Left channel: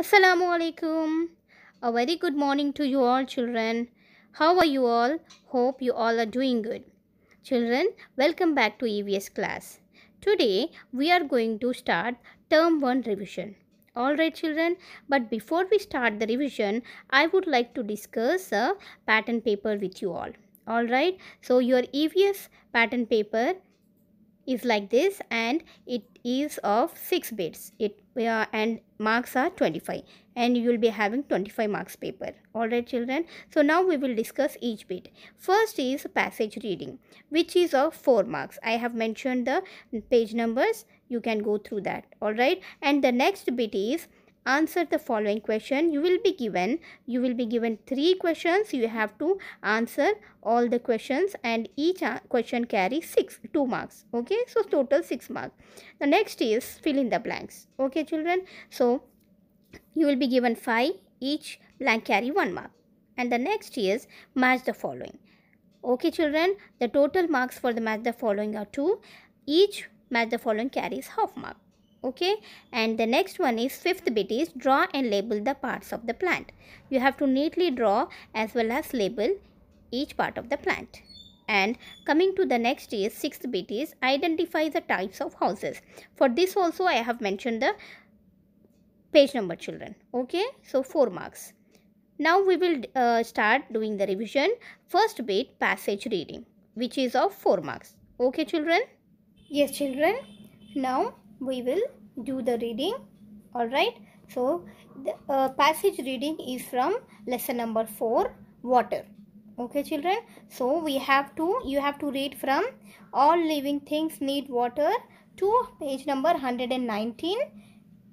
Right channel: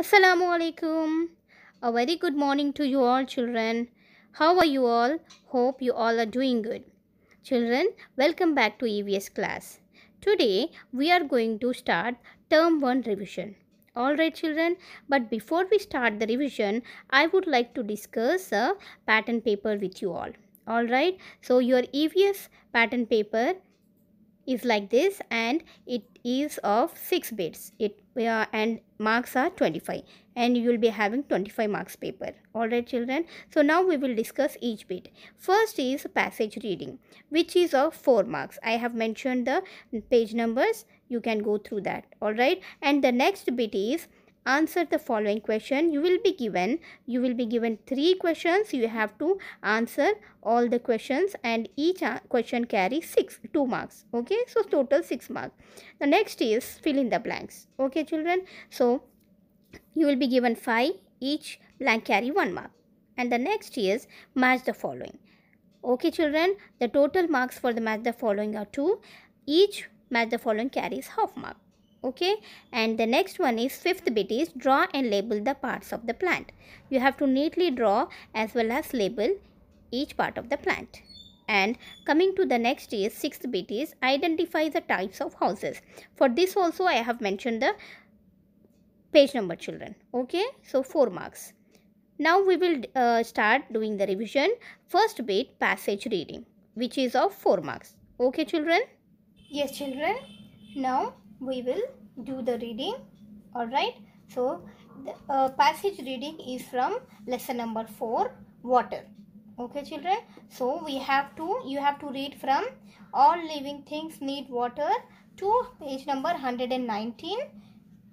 Assalamu alaikum. A very good morning to you all, children. How are you all? Hope you all are doing good. Children, welcome back to EVS class. Today we are going to start term 1 revision. Alright children, but before we start the revision, I would like to discuss a pattern paper with you all. Alright, so your EVS pattern paper is like this and it is of 6 bits and marks are 25 and you will be having 25 marks paper. Alright children, so now we will discuss each bit. First is passage reading, which is of 4 marks. I have mentioned the page numbers, you can go through that. Alright, and the next bit is answer the following question. You will be given 3 questions. You have to answer all the questions and each question carries 2 marks. Okay, so total 6 marks. The next is fill in the blanks. Okay children, so you will be given 5, each blank carry 1 mark. And the next is match the following. Okay children, the total marks for the match the following are 2, each match the following carries half mark. Okay, and the next one is fifth bit is draw and label the parts of the plant. You have to neatly draw as well as label each part of the plant. And coming to the next is sixth bit is identify the types of houses. For this also I have mentioned the page number children. Okay, so 4 marks. Now we will start doing the revision. First bit passage reading, which is of 4 marks. Okay children? Yes children, now we will do the reading. Alright, so the passage reading is from lesson number 4, water. Okay children, so you have to read from all living things need water to page number 119,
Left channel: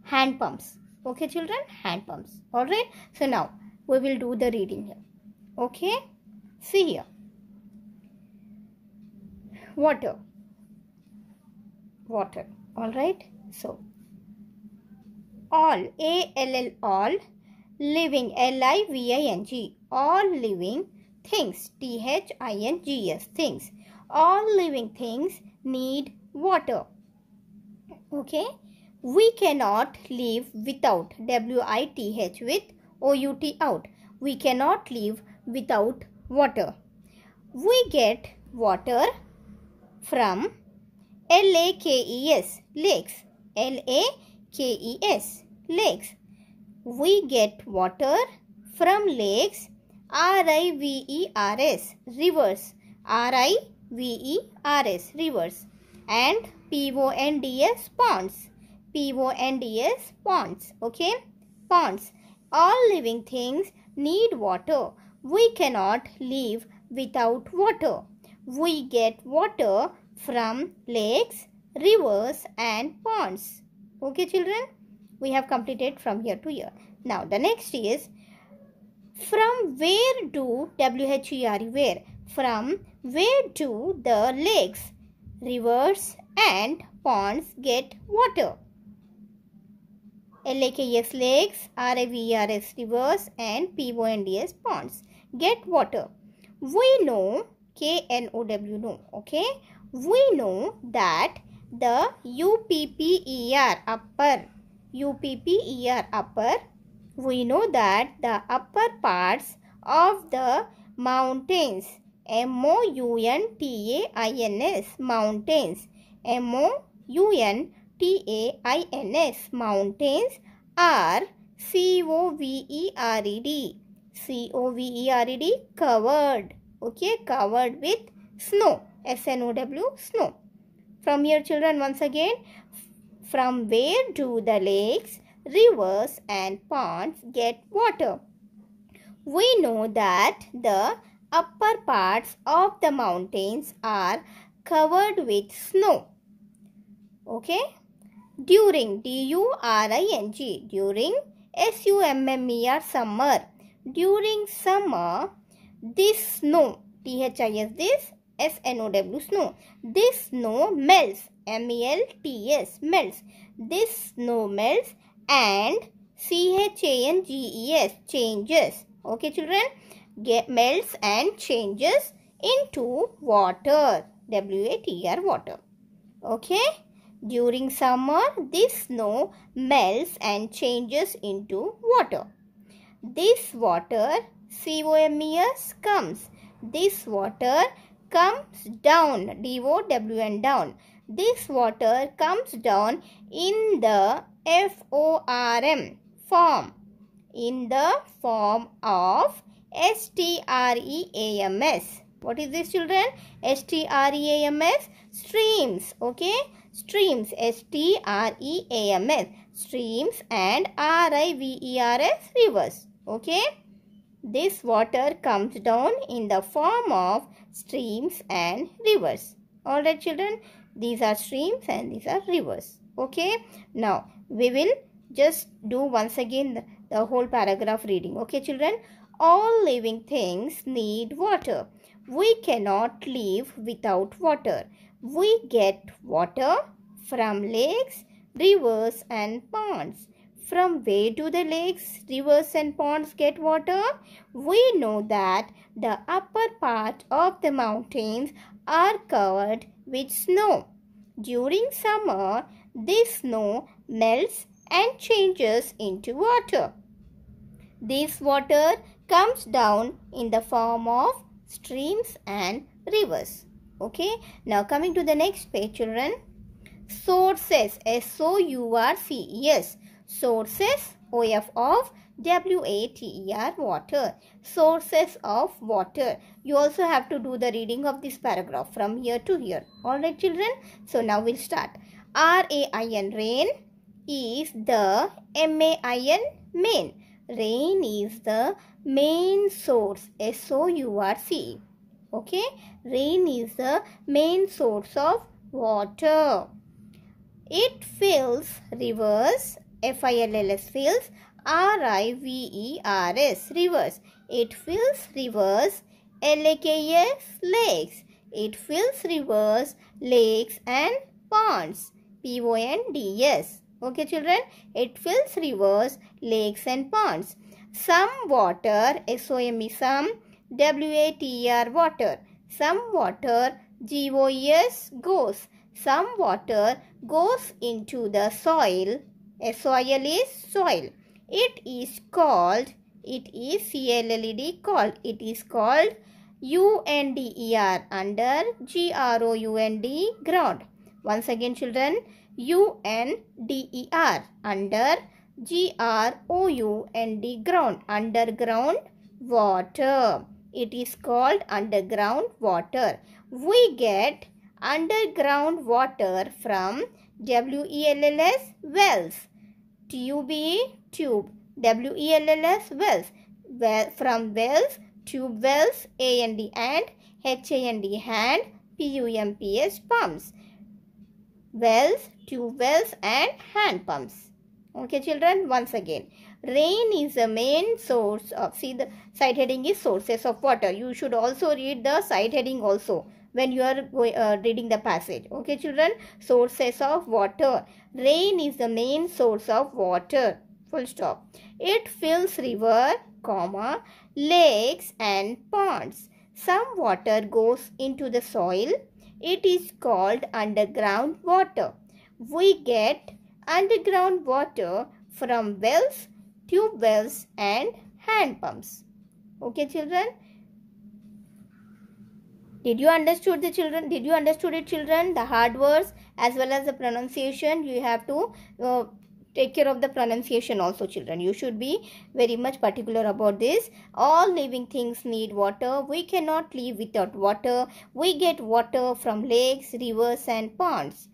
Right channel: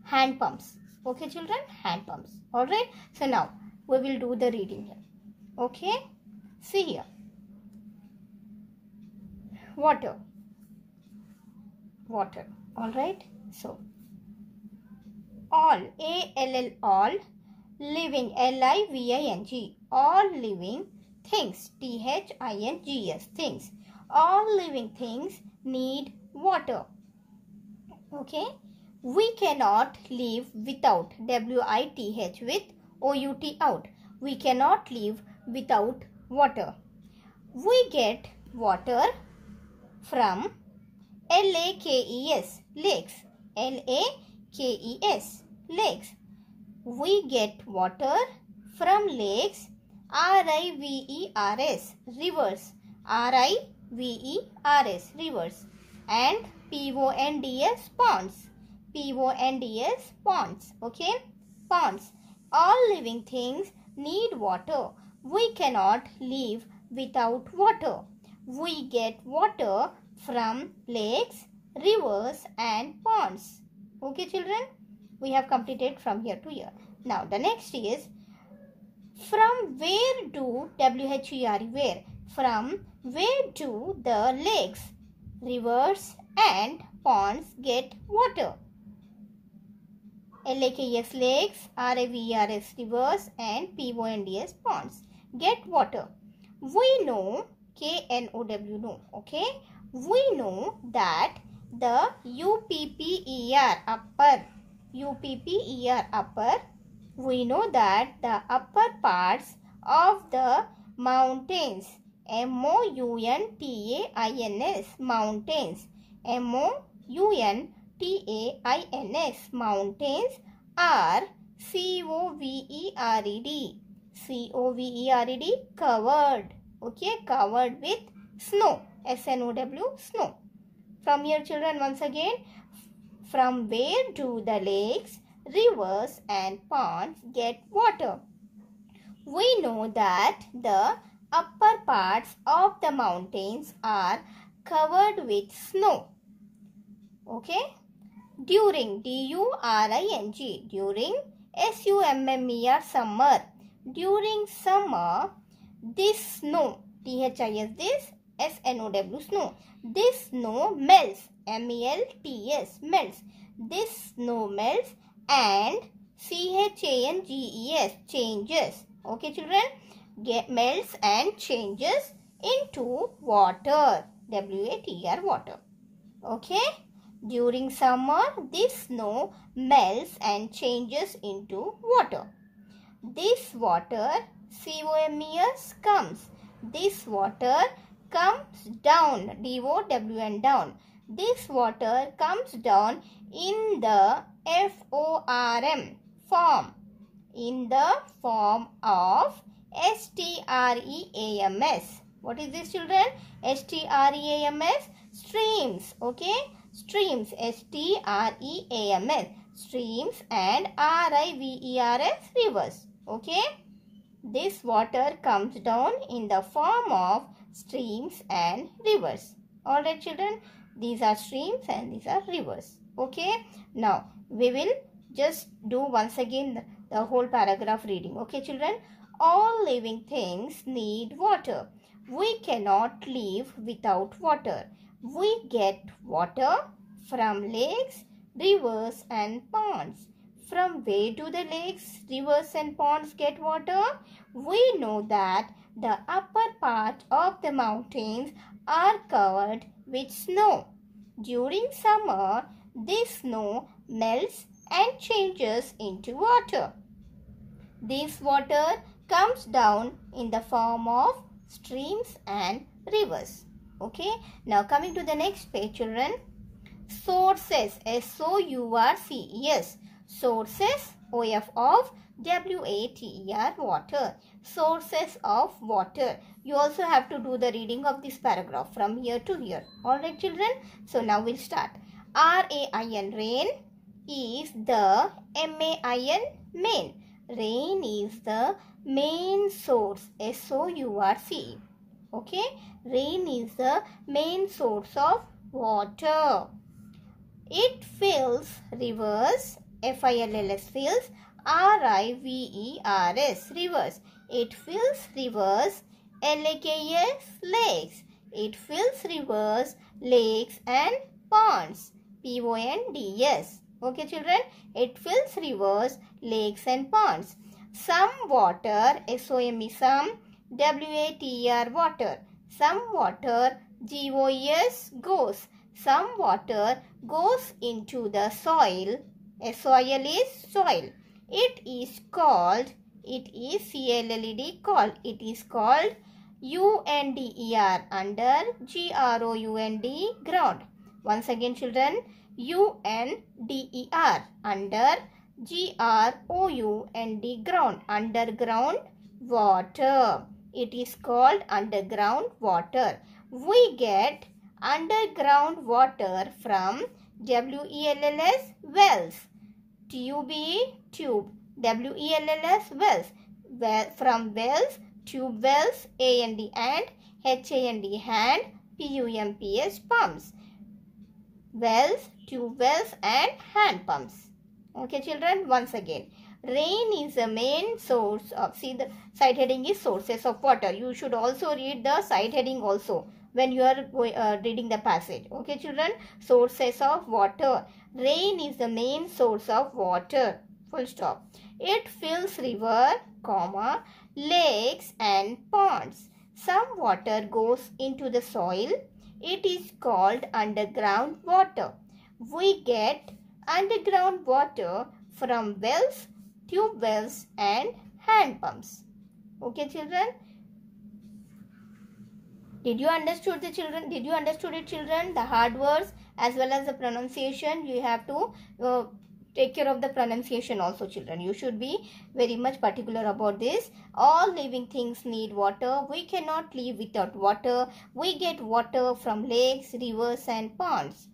hand pumps. Okay children, hand pumps. Alright, so now we will do the reading here. Okay, see here, water. Alright, so all, A-L-L, all, living, L-I-V-I-N-G, all living things, T-H-I-N-G-S, things, all living things need water. Okay, we cannot live without, W-I-T-H, with O-U-T, out, we cannot live without water. We get water from L-A-K-E-S, lakes, L-A-K-E-S, lakes. We get water from lakes, R-I-V-E-R-S, rivers, R-I-V-E-R-S, rivers, and P-O-N-D-S, ponds, P-O-N-D-S, ponds, okay, ponds. All living things need water. We cannot live without water. We get water from lakes, rivers and ponds. Okay children, we have completed from here to here. Now the next is from where do, W-H-E-R-E, where, from where do the lakes, rivers and ponds get water? L-A-K-E-S, lakes, R-I-V-E-R-S, rivers and P-O-N-D-S, ponds get water. We know, K-N-O-W, know, okay, we know that the U-P-P-E-R, upper, U-P-P-E-R, upper, we know that the upper parts of the mountains, M-O-U-N-T-A-I-N-S, mountains, M-O-U-N-T-A-I-N-S, mountains are C-O-V-E-R-E-D, C-O-V-E-R-E-D, covered, okay, covered with snow, S-N-O-W, snow. From here children, once again, from where do the lakes, rivers and ponds get water? We know that the upper parts of the mountains are covered with snow. Okay, during, D-U-R-I-N-G, during, S-U-M-M-E-R, summer, during summer, this snow, T-H-I-S, this, S-N-O-W, snow, this snow melts, M-E-L-T-S, melts, this snow melts and C-H-A-N-G-E-S, changes, okay children, melts and changes into water, W-A-T-R, water. Okay, During summer, this snow melts and changes into water. This water, COMES, comes. This water comes down, DOWN, down. This water comes down in the FORM form, in the form of STREAMS. What is this, children? STREAMS, streams. Okay, streams, STREAMS, streams, and RIVERS, rivers. Okay, this water comes down in the form of streams and rivers. Alright, children, these are streams and these are rivers. Okay, now we will just do once again the whole paragraph reading. Okay, children, all living things need water. We cannot live without water. We get water from lakes, rivers and ponds. From where do the lakes, rivers and ponds get water? We know that the upper part of the mountains are covered with snow. During summer, this snow melts and changes into water. This water comes down in the form of streams and rivers. Okay, now coming to the next page, children. Sources, SOURCES, sources, OF of WATER, water. Sources of water. You also have to do the reading of this paragraph from here to here. Alright, children. So now we'll start. RAIN, rain, is the MAIN, main. Rain is the main source, SOURCE. Okay, rain is the main source of water. It fills rivers, FILLS, fills, RIVERS, rivers. It fills rivers, LAKES, lakes. It fills rivers, lakes and ponds, PONDS. Okay, children, it fills rivers, lakes and ponds. Some water, SOME, some, WATER, water. Some water, GOES, goes. Some water goes into the soil, SOIL is soil. It is called, it is CLLED, called. It is called UNDER, under GROUND, ground. Once again, children, UNDER, under GROUND, ground, underground water. It is called underground water. We get underground water from WELLS, wells. TUBE, tube. WELLS, wells. From wells, tube wells, AND and HAND, hand, PUMPS, pumps. Wells, tube wells and hand pumps. Okay, children, once again. Rain is the main source of, see the side heading is sources of water. You should also read the side heading also when you are reading the passage. Okay, children, sources of water. Rain is the main source of water. Full stop. It fills river, comma, lakes and ponds. Some water goes into the soil. It is called underground water. We get underground water from wells, tube wells and hand pumps. Okay, children? Did you understood the children? Did you understood it, children? The hard words as well as the pronunciation. You have to take care of the pronunciation also, children. You should be very much particular about this. All living things need water. We cannot live without water. We get water from lakes, rivers and ponds.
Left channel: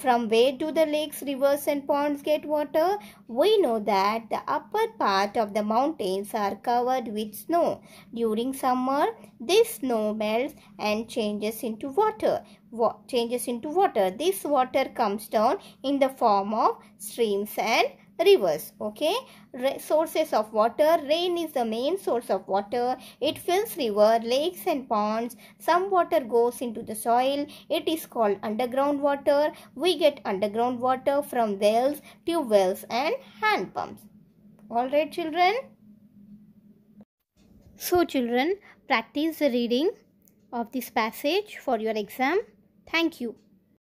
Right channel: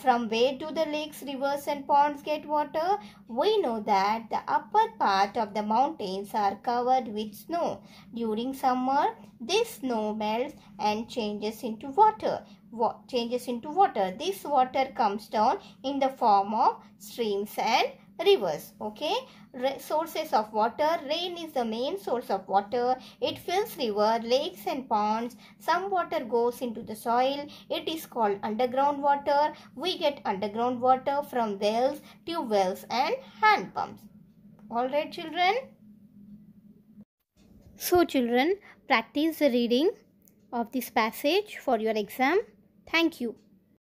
From where do the lakes, rivers and ponds get water? We know that the upper part of the mountains are covered with snow. During summer, this snow melts and changes into water. This water comes down in the form of streams and rivers. Okay, sources of water. Rain is the main source of water. It fills river, lakes and ponds. Some water goes into the soil. It is called underground water. We get underground water from wells, tube wells and hand pumps. Alright, children. So, children, practice the reading of this passage for your exam. Thank you.